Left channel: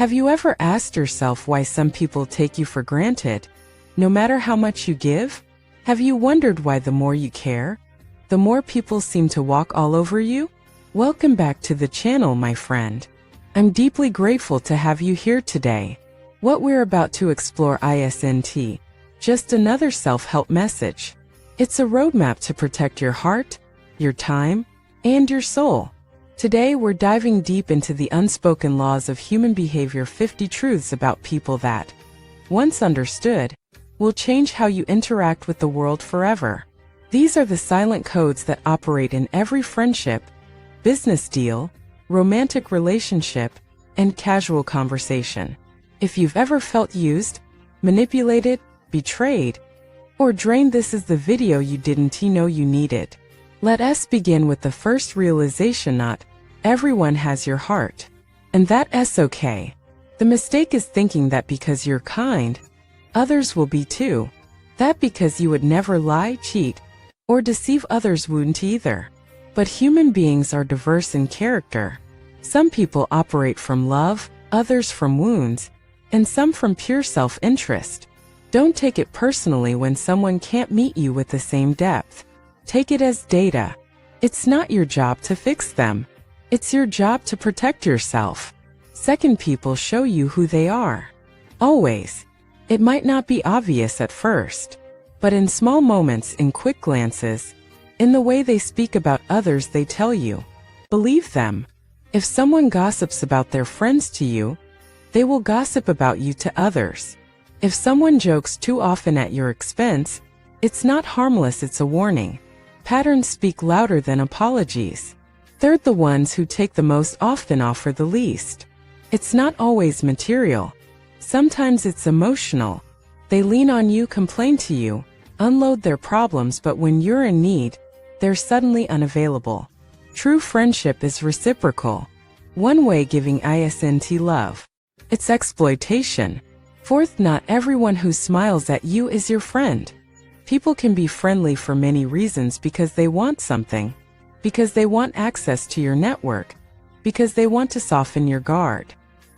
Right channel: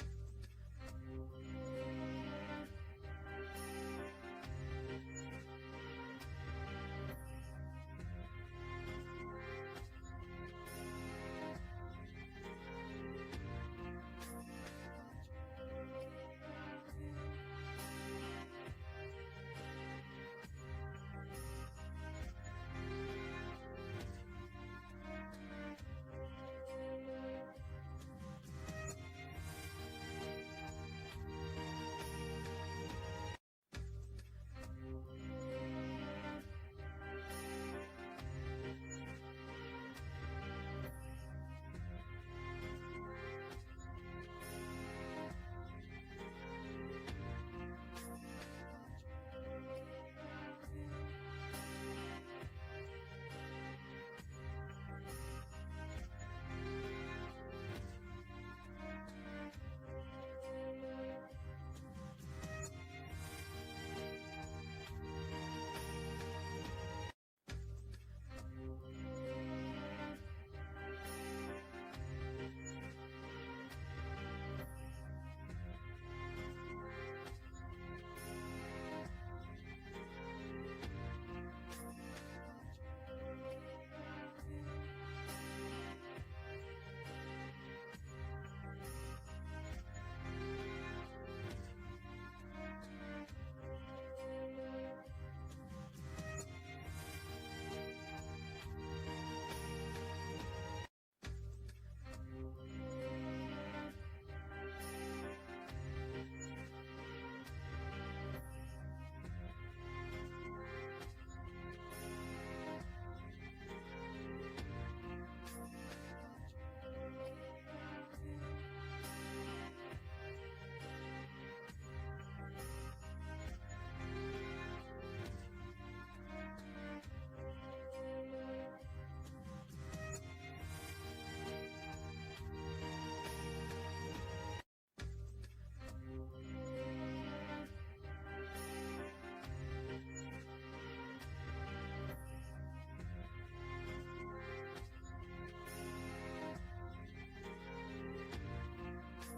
Have you ever asked yourself why some people take you for granted, no matter how much you give? Have you wondered why the more you care, the more people seem to walk all over you? Welcome back to the channel, my friend. I'm deeply grateful to have you here today. What we're about to explore isn't just another self-help message. It's a roadmap to protect your heart, your time, and your soul. Today we're diving deep into the unspoken laws of human behavior, 50 truths about people that, once understood, will change how you interact with the world forever. These are the silent codes that operate in every friendship, business deal, romantic relationship, and casual conversation. If you've ever felt used, manipulated, betrayed, or drained, this is the video you didn't know you needed. Let us begin with the first realization: not everyone has your heart. And that's okay. The mistake is thinking that because you're kind, others will be too. That because you would never lie, cheat, or deceive others wouldn't either. But human beings are diverse in character. Some people operate from love, others from wounds, and some from pure self-interest. Don't take it personally when someone can't meet you with the same depth. Take it as data. It's not your job to fix them. It's your job to protect yourself. Second, people show you who they are. Always. It might not be obvious at first, but in small moments, in quick glances, in the way they speak about others, they tell you. Believe them. If someone gossips about their friends to you, they will gossip about you to others. If someone jokes too often at your expense, it's not harmless, it's a warning. Patterns speak louder than apologies. Third, the ones who take the most often offer the least. It's not always material. Sometimes it's emotional. They lean on you, complain to you, unload their problems, but when you're in need, they're suddenly unavailable. True friendship is reciprocal. One way giving isn't love. It's exploitation. Fourth, not everyone who smiles at you is your friend. People can be friendly for many reasons: because they want something, because they want access to your network, because they want to soften your guard.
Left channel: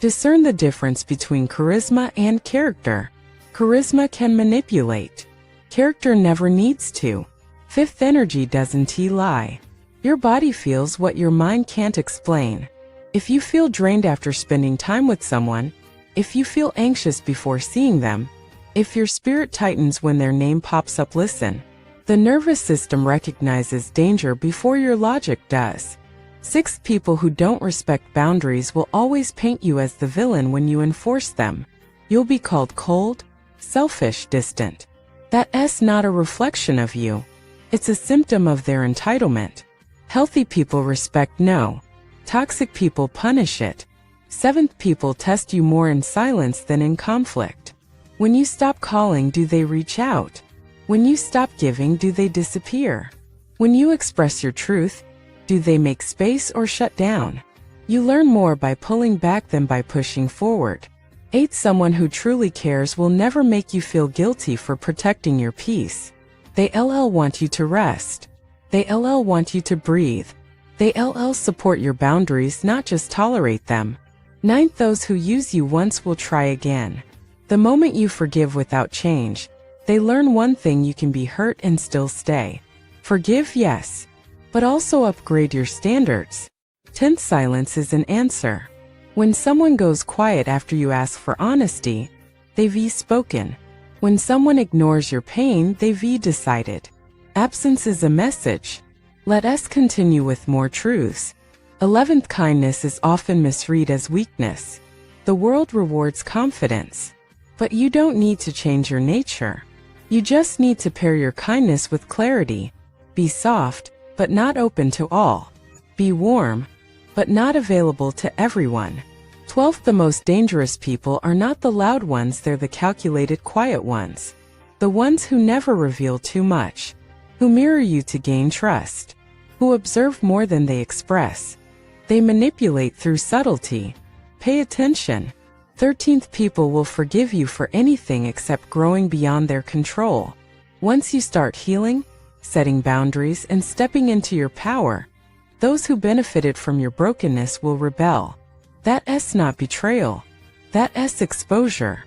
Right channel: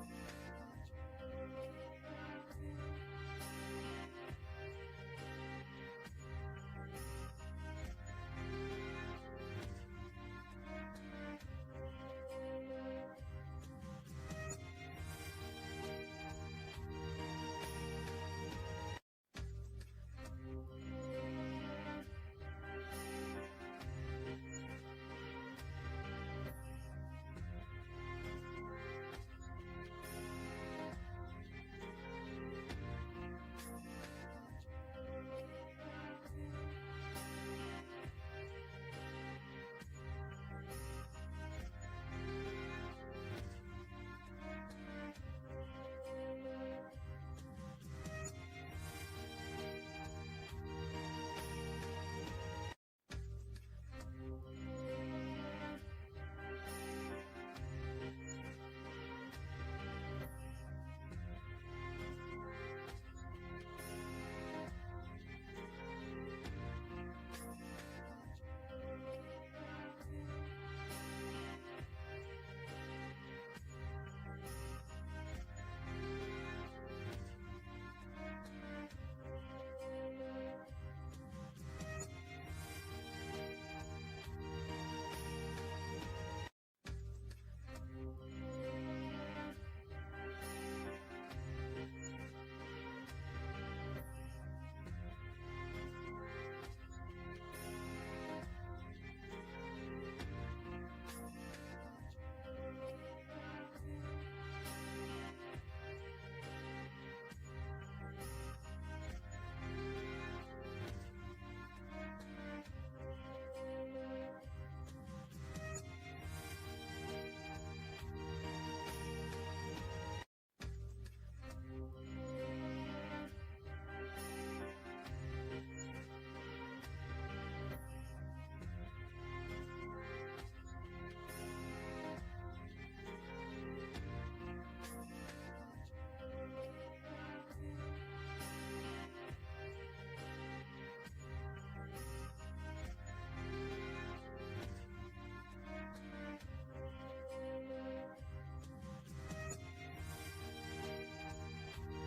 Discern the difference between charisma and character. Charisma can manipulate. Character never needs to. Fifth, energy doesn't lie. Your body feels what your mind can't explain. If you feel drained after spending time with someone, if you feel anxious before seeing them, if your spirit tightens when their name pops up, listen. The nervous system recognizes danger before your logic does. Sixth, people who don't respect boundaries will always paint you as the villain when you enforce them. You'll be called cold, selfish, distant. That's not a reflection of you. It's a symptom of their entitlement. Healthy people respect no. Toxic people punish it. Seventh, people test you more in silence than in conflict. When you stop calling, do they reach out? When you stop giving, do they disappear? When you express your truth, do they make space or shut down? You learn more by pulling back than by pushing forward. Eighth, someone who truly cares will never make you feel guilty for protecting your peace. They want you to rest. They want you to breathe. They support your boundaries, not just tolerate them. Ninth, those who use you once will try again. The moment you forgive without change, they learn one thing: you can be hurt and still stay. Forgive, yes, but also upgrade your standards. 10th, silence is an answer. When someone goes quiet after you ask for honesty, they've spoken. When someone ignores your pain, they've decided. Absence is a message. Let us continue with more truths. 11th, kindness is often misread as weakness. The world rewards confidence. But you don't need to change your nature. You just need to pair your kindness with clarity. Be soft, but not open to all. Be warm, but not available to everyone. 12th, the most dangerous people are not the loud ones, they're the calculated, quiet ones. The ones who never reveal too much, who mirror you to gain trust, who observe more than they express. They manipulate through subtlety. Pay attention. 13th, people will forgive you for anything except growing beyond their control. Once you start healing, setting boundaries, and stepping into your power, those who benefited from your brokenness will rebel. That's not betrayal. That's exposure.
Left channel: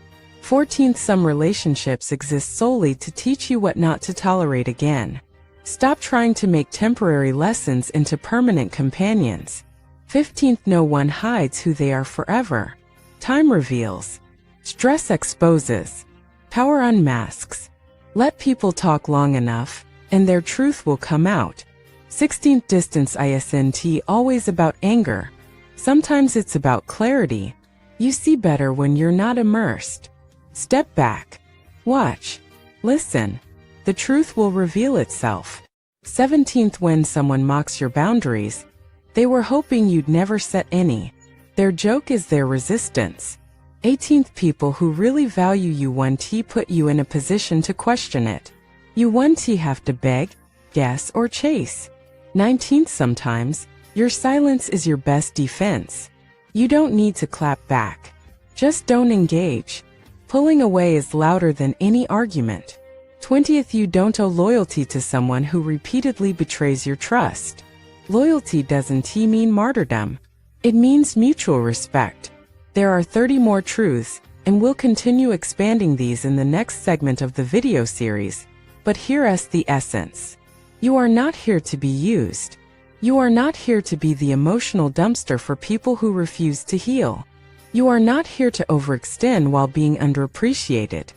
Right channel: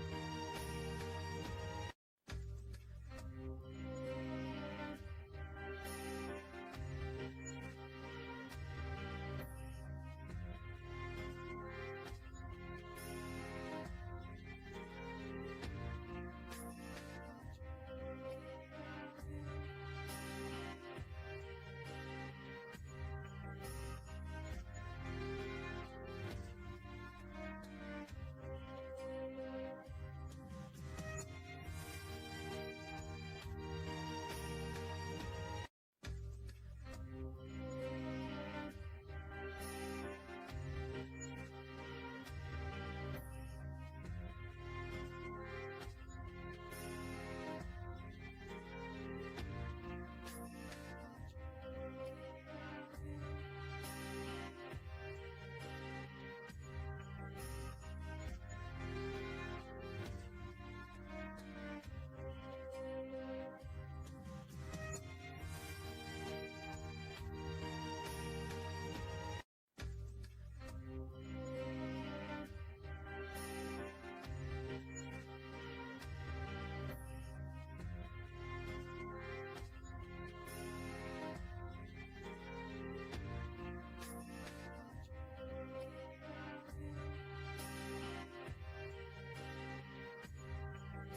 14th, some relationships exist solely to teach you what not to tolerate again. Stop trying to make temporary lessons into permanent companions. 15th, no one hides who they are forever. Time reveals. Stress exposes. Power unmasks. Let people talk long enough, and their truth will come out. 16th, distance isn't always about anger. Sometimes it's about clarity. You see better when you're not immersed. Step back. Watch. Listen. The truth will reveal itself. 17th, when someone mocks your boundaries, they were hoping you'd never set any. Their joke is their resistance. 18th, people who really value you won't put you in a position to question it. You won't have to beg, guess, or chase. 19th, sometimes, your silence is your best defense. You don't need to clap back. Just don't engage. Pulling away is louder than any argument. 20th, you don't owe loyalty to someone who repeatedly betrays your trust. Loyalty doesn't mean martyrdom. It means mutual respect. There are 30 more truths, and we'll continue expanding these in the next segment of the video series. But here's the essence. You are not here to be used. You are not here to be the emotional dumpster for people who refuse to heal. You are not here to overextend while being underappreciated.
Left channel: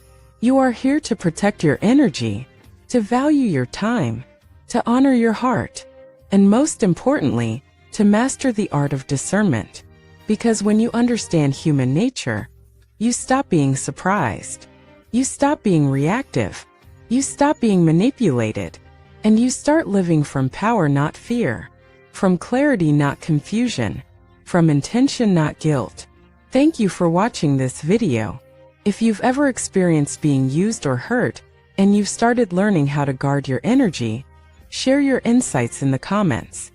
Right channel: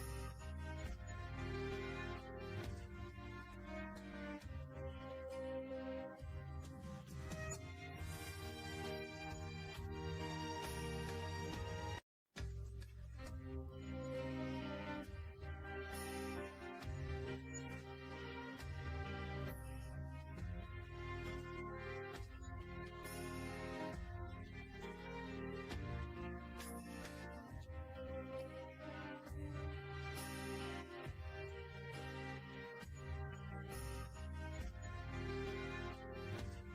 You are here to protect your energy, to value your time, to honor your heart, and most importantly, to master the art of discernment. Because when you understand human nature, you stop being surprised. You stop being reactive. You stop being manipulated. And you start living from power, not fear. From clarity, not confusion. From intention, not guilt. Thank you for watching this video. If you've ever experienced being used or hurt, and you've started learning how to guard your energy, share your insights in the comments.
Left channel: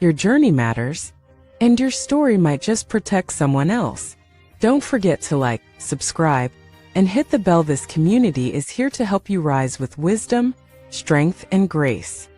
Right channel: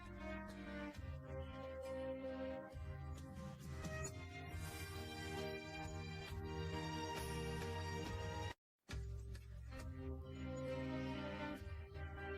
Your journey matters, and your story might just protect someone else. Don't forget to like, subscribe, and hit the bell. This community is here to help you rise with wisdom, strength, and grace.